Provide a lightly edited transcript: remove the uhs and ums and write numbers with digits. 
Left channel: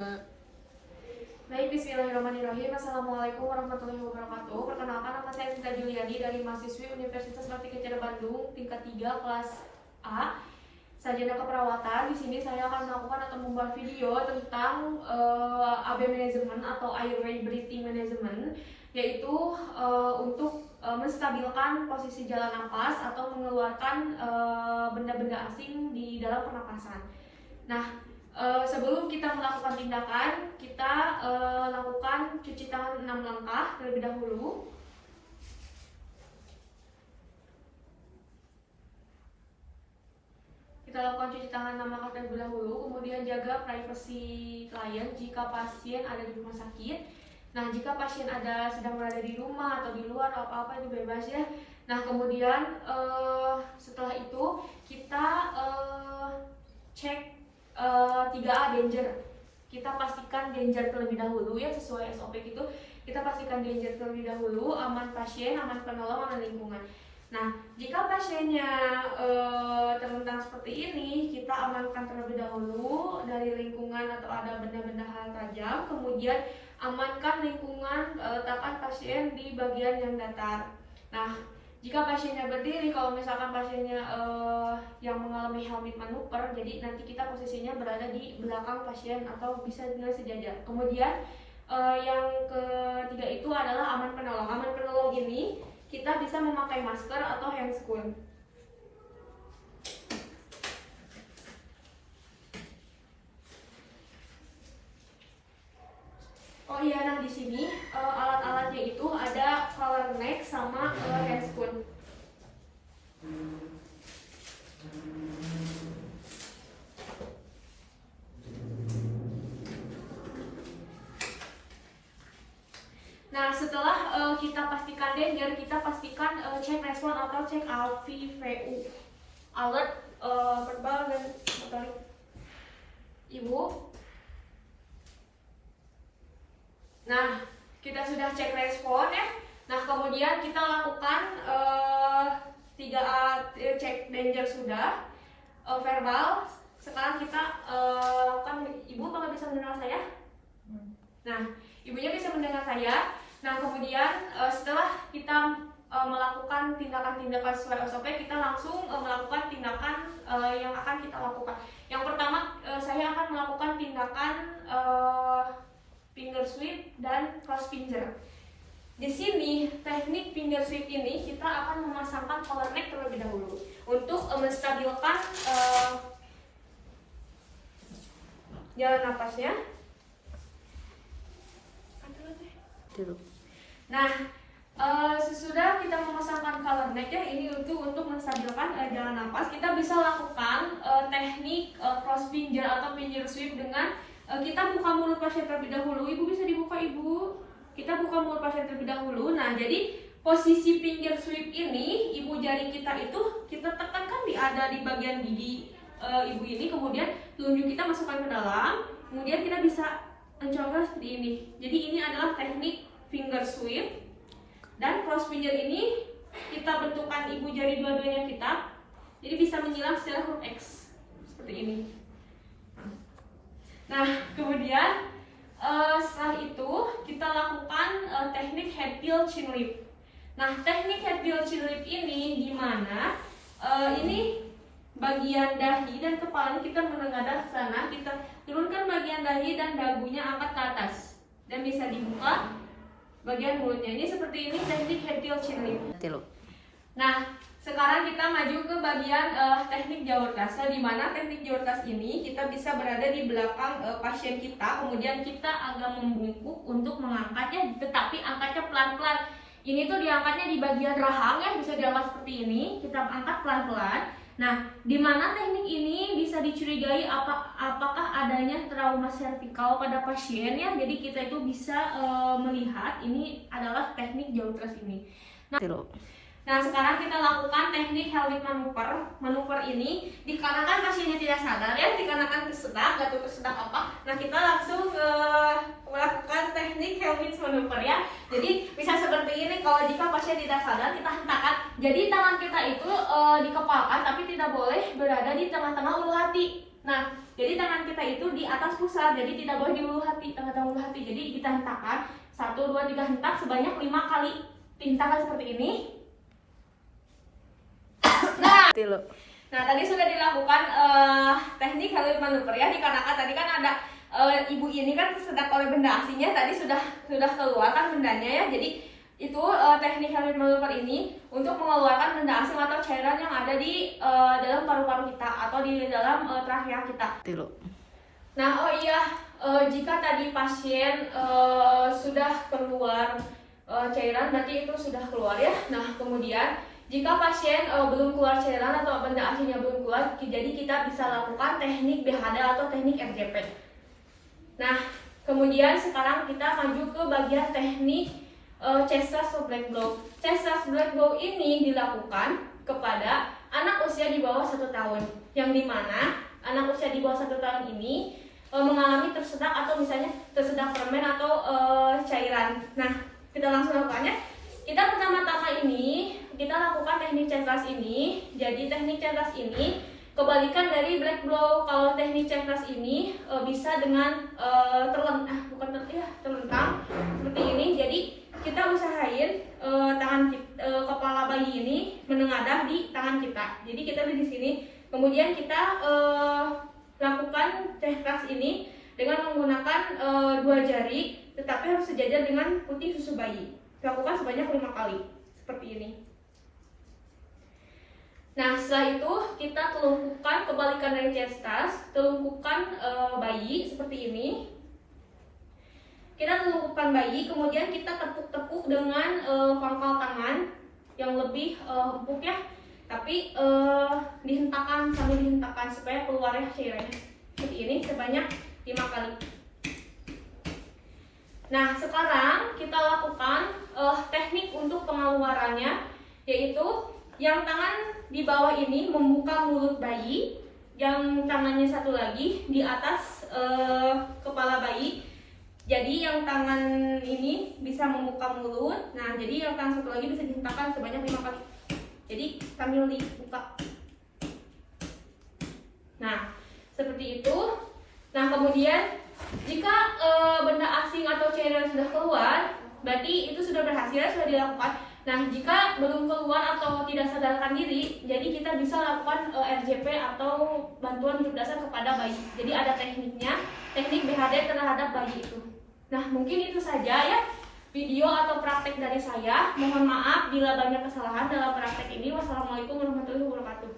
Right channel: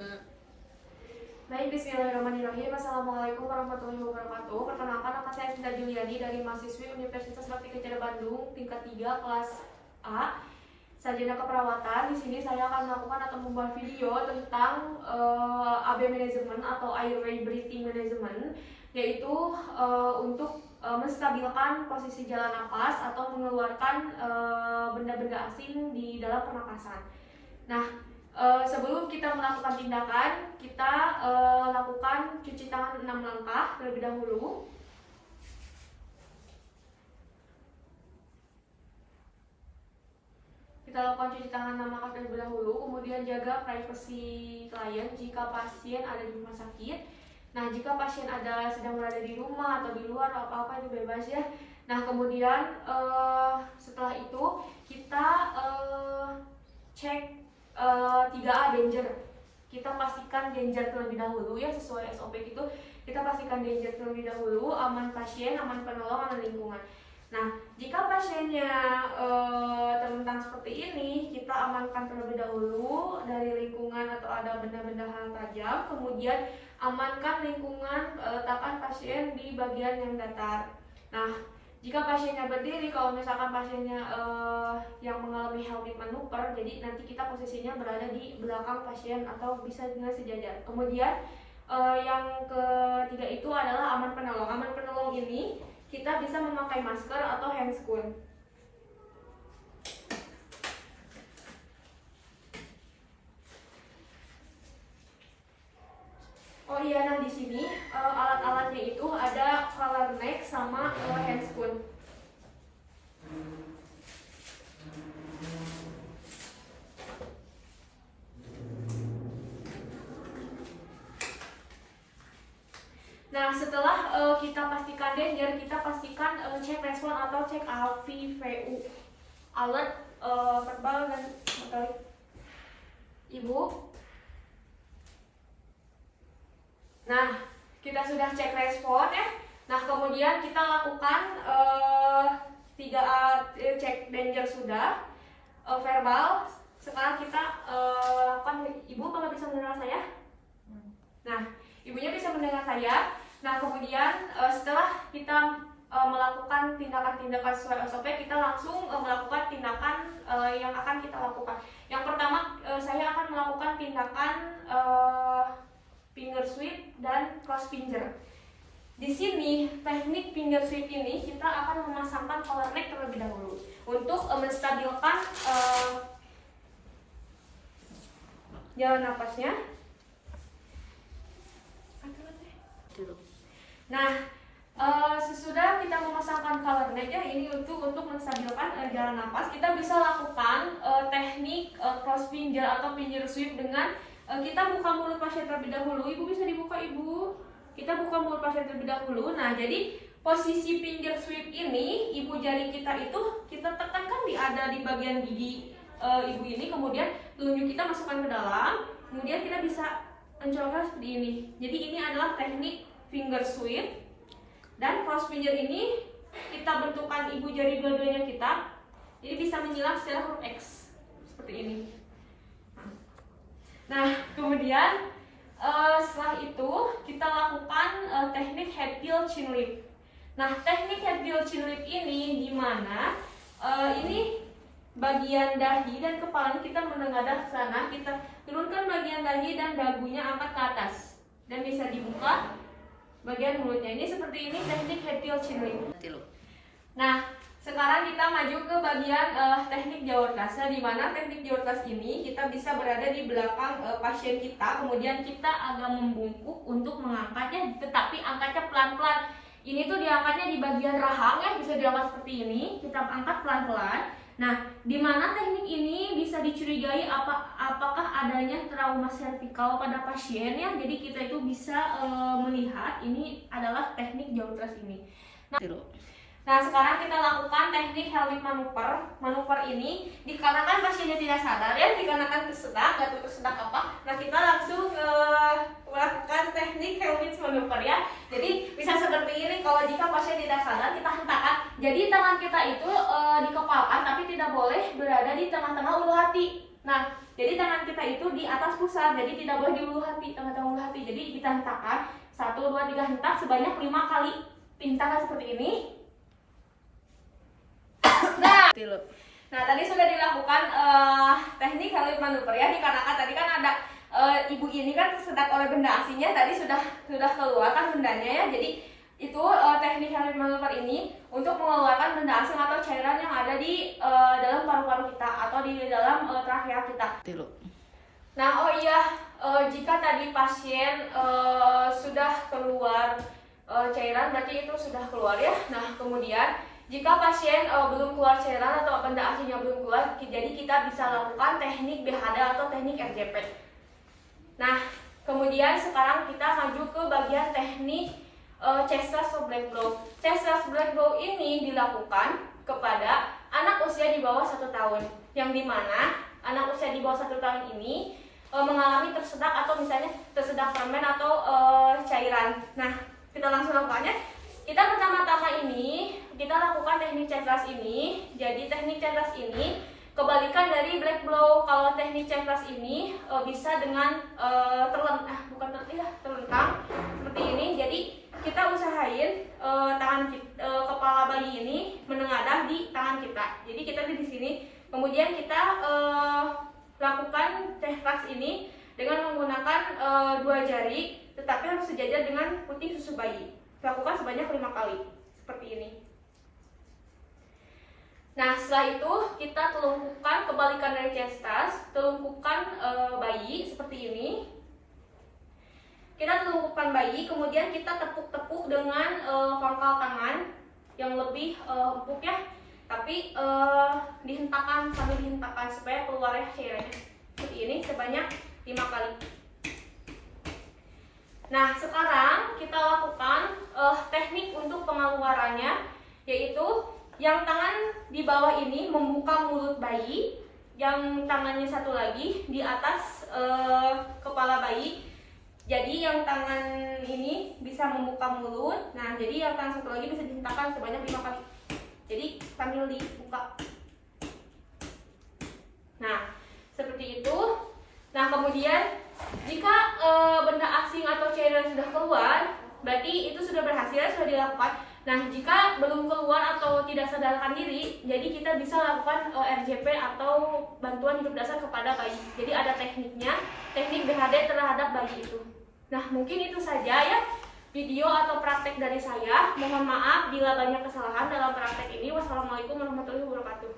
Baik, bismillahirrahmanirrahim. Assalamualaikum warahmatullahi wabarakatuh. Perkenalkan, nama saya Sinta Juliani dari mahasiswi Universitas Bakti Kencana Bandung, tingkat 3 kelas A, sarjana keperawatan. Di sini saya akan melakukan atau membuat video tentang AB management atau airway breathing management, yaitu untuk menstabilkan posisi jalan napas atau mengeluarkan benda-benda asing di dalam pernapasan. Nah, sebelum kita melakukan tindakan, kita lakukan cuci tangan 6 langkah terlebih dahulu. Kita lakukan cuci tangan 6 langkah terlebih dahulu, kemudian jaga privasi klien jika pasien ada di rumah sakit. Nah, jika pasien sedang berada di rumah atau di luar atau apa-apa itu bebas ya. Nah, kemudian setelah itu kita cek 3A danger. Kita pastikan danger terlebih dahulu ya, sesuai SOP gitu. Kita pastikan danger terlebih dahulu, aman pasien, aman penolong, aman lingkungan. Nah, jika pasiennya terlentang seperti ini, kita amankan terlebih dahulu dari lingkungan atau ada benda-benda hal tajam. Kemudian amankan lingkungan, letakkan pasien di bagian yang datar. Nah, jika pasiennya berdiri, kalau misalkan pasiennya yang mengalami helmet manuver, jadi nanti kita posisinya berada di belakang pasien atau bisa dengan sejajar. Kemudian yang ketiga itu adalah aman penolong. Aman penolong ini kita bisa memakai masker atau handscoon. Oh iya, nah di sini alat-alatnya itu ada collar neck sama handscoon. Nah, setelah kita pastikan danger, kita pastikan cek respon atau cek AVVU, alert verbal dan motorik. Ibu. Nah, kita sudah cek respon ya. Nah, kemudian kita lakukan 3A cek danger sudah, verbal. Sekarang kita kan ibu bakal bisa mendengar saya. Nah, ibunya bisa mendengar saya. Nah, kemudian setelah kita melakukan tindakan-tindakan sesuai SOP, kita langsung melakukan tindakan yang akan kita lakukan. Yang pertama, saya akan melakukan tindakan finger sweep dan cross finger. Di sini teknik finger sweep ini kita akan memasangkan collar neck terlebih dahulu untuk menstabilkan jalan napasnya. Nah, sesudah kita memasangkan collar neck ya, ini untuk menstabilkan jalan napas, kita bisa lakukan teknik cross finger atau finger sweep dengan kita buka mulut pasien terlebih dahulu. Ibu bisa dibuka, ibu. Kita buka mulut pasien terlebih dahulu. Nah, jadi posisi finger sweep ini, ibu jari kita itu kita tekankan ada di bagian gigi ibu ini, kemudian telunjuk kita masukkan ke dalam, kemudian kita bisa mencoba seperti ini. Jadi ini adalah teknik finger sweep. Dan cross finger ini kita bentukkan ibu jari dua-duanya kita, jadi bisa menyilang secara huruf X seperti ini. Nah, kemudian setelah itu kita lakukan teknik head tilt chin lift. Nah, teknik head tilt chin lift ini di mana ini bagian dahi dan kepala kita menengadah ke sana, kita turunkan bagian dahi dan dagunya angkat ke atas dan bisa dibuka bagian mulutnya. Ini seperti ini teknik head tilt chin lift. Nah, sekarang kita maju ke bagian teknik jawur tasa, di mana teknik jawur tas ini kita bisa berada di belakang pasien kita, kemudian kita agak membungkuk untuk mengangkatnya, tetapi angkatnya pelan-pelan. Ini tuh diangkatnya di bagian rahang ya, bisa diangkat seperti ini, kita angkat pelan-pelan. Nah, di mana teknik ini bisa dicurigai apakah adanya trauma servikal pada pasien ya, jadi kita itu bisa melihat ini adalah teknik jawur tas ini. Nah, sekarang kita lakukan teknik helmet manuver. Manuver ini dikarenakan pasiennya tidak sadar ya, dikarenakan tersedak, nggak tahu tersedak apa. Nah, kita langsung melakukan teknik helmet manuver ya. Jadi bisa seperti ini, kalau jika pasien tidak sadar kita hentakkan. Jadi tangan kita itu dikepalkan, tapi tidak boleh berada di tengah-tengah ulu hati. Nah, jadi tangan kita itu di atas pusar, jadi tidak boleh di ulu hati, tengah-tengah ulu hati. Jadi kita hentakkan 1, 2, 3 hentak sebanyak 5 kali. Hentakan seperti ini. Nah, tadi sudah dilakukan teknik helmet manuver ya, dikarenakan tadi kan ada ibu ini kan tersedak oleh benda asingnya, tadi sudah keluar kan bendanya ya. Jadi itu teknik helmet manuver ini untuk mengeluarkan benda asing atau cairan yang ada di dalam paru-paru kita atau di dalam trachea kita. Nah, oh iya, jika tadi pasien sudah keluar cairan, berarti itu sudah keluar ya. Nah, kemudian jika pasien belum keluar cairan atau benda asingnya belum keluar, jadi kita bisa lakukan teknik BHD atau teknik RJP. Nah, kemudian sekarang kita maju ke bagian teknik chest thrust atau black blow. Chest thrust black blow ini dilakukan kepada anak usia di bawah 1 tahun, yang dimana anak usia di bawah 1 tahun ini mengalami tersedak atau misalnya tersedak permen atau cairan. Nah, kita langsung lakukannya. Kita pertama-tama ini kita lakukan teknik chest thrust ini. Jadi teknik chest thrust ini kebalikan dari black blow. Kalau teknik chest thrust ini bisa dengan terlentang seperti ini. Jadi kita usahain kepala bayi ini menengadah di tangan kita. Jadi kita di sini. Kemudian kita lakukan chest thrust ini dengan menggunakan 2 jari, tetapi harus sejajar dengan putih susu bayi. Lakukan sebanyak 5 kali seperti ini. Nah, setelah itu kita telungkupkan, kebalikan dari chest thrust, telungkupkan bayi seperti ini. Kita telungkupkan bayi, kemudian kita tepuk-tepuk dengan pangkal tangan yang lebih empuk ya, tapi dihentakkan sambil dihentakkan supaya keluarnya cairannya seperti ini sebanyak 5 kali. Nah, sekarang kita lakukan teknik untuk pengeluarannya, yaitu yang tangan di bawah ini membuka mulut bayi, yang tangannya satu lagi di atas kepala bayi. Jadi yang tangan ini bisa membuka mulut. Nah, jadi yang tangan satu lagi bisa dihentakkan sebanyak 5 kali. Jadi sambil dibuka. Nah, seperti itu. Nah, kemudian jika benda asing atau cairan sudah keluar, berarti itu sudah berhasil, sudah dilakukan. Nah, jika belum keluar atau tidak sadarkan diri, jadi kita bisa lakukan RJP atau bantuan hidup dasar kepada bayi. Jadi ada tekniknya, teknik BHD terhadap bayi itu. Nah, mungkin itu saja ya video atau praktek dari saya. Mohon maaf bila banyak kesalahan dalam praktek ini. Wassalamualaikum warahmatullahi wabarakatuh.